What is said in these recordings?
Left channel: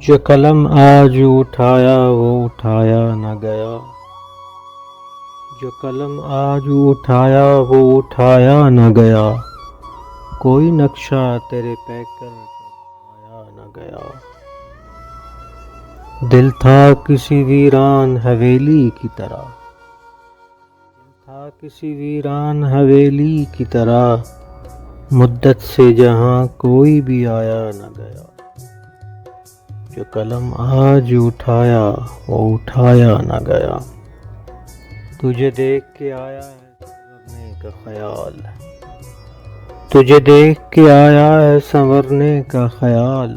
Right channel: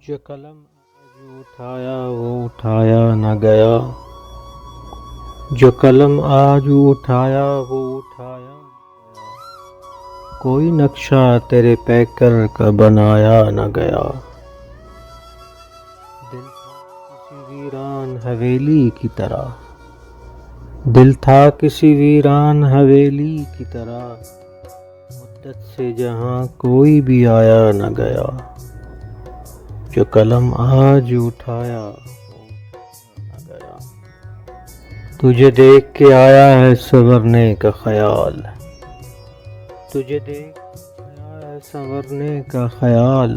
جو قلم آج اٹھایا وہ اٹھایا نہ گیا، جو قلم آج اٹھایا وہ اٹھایا نہ گیا، کوئی نقشہ تیرے پیکر کا بنایا نہ گیا۔ دل تھا کسی ویران حویلی کی طرح، دل تھا کسی ویران حویلی کی طرح، مدت سے جہاں کوئی بھی آیا نہ گیا۔ جو قلم آج اٹھایا وہ اٹھایا نہ گیا۔ تجھے دیکھ کے آیا ہے سنورنے کا خیال، تجھے دیکھ کے آیا ہے سنورنے کا خیال،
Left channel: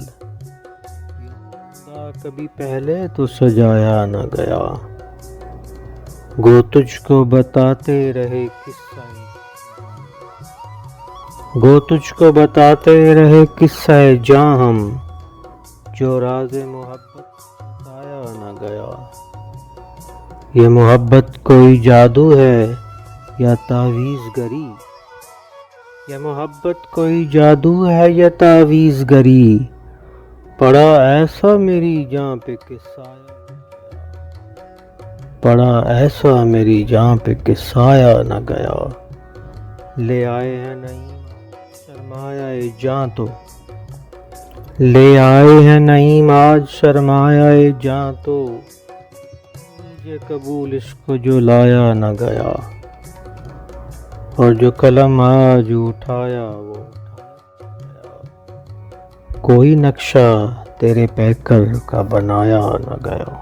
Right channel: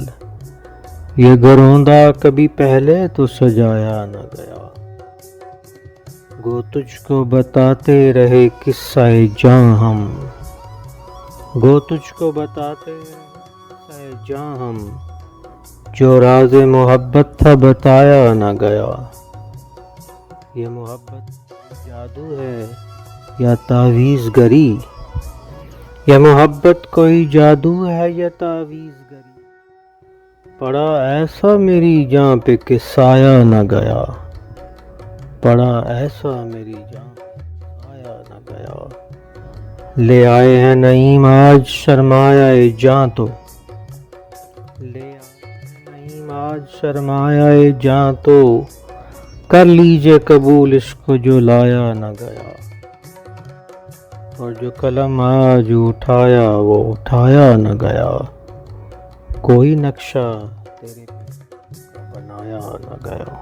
یہ گروندہ کبھی پہلے تو سجایا نہ گیا۔ گو تجھ کو بتاتے رہے قصہ جاں ہم، گو تجھ کو بتاتے رہے قصہ جاں ہم، جو راز محبت تھا بتایا نہ گیا۔ یہ محبت کوئی جادو ہے یا تعویذ گری، یہ محبت کوئی جادو ہے یا تعویذ گری، پڑا ایسا میری جاں پہ کہ سایہ نہ گیا، پڑا ایسا میری جاں پہ کہ سایہ نہ گیا۔ لے آئے ہیں نعیم آج سرمایہ جاں تو، لے آئے ہیں نعیم آج سرمایہ جاں تو، کر لیجئے قبول اس کو جو لایا نہ گیا۔ اور جو قلم آج اٹھایا وہ اٹھایا نہ گیا، کوئی نقشہ تیرے پیکر کا بنایا نہ گیا۔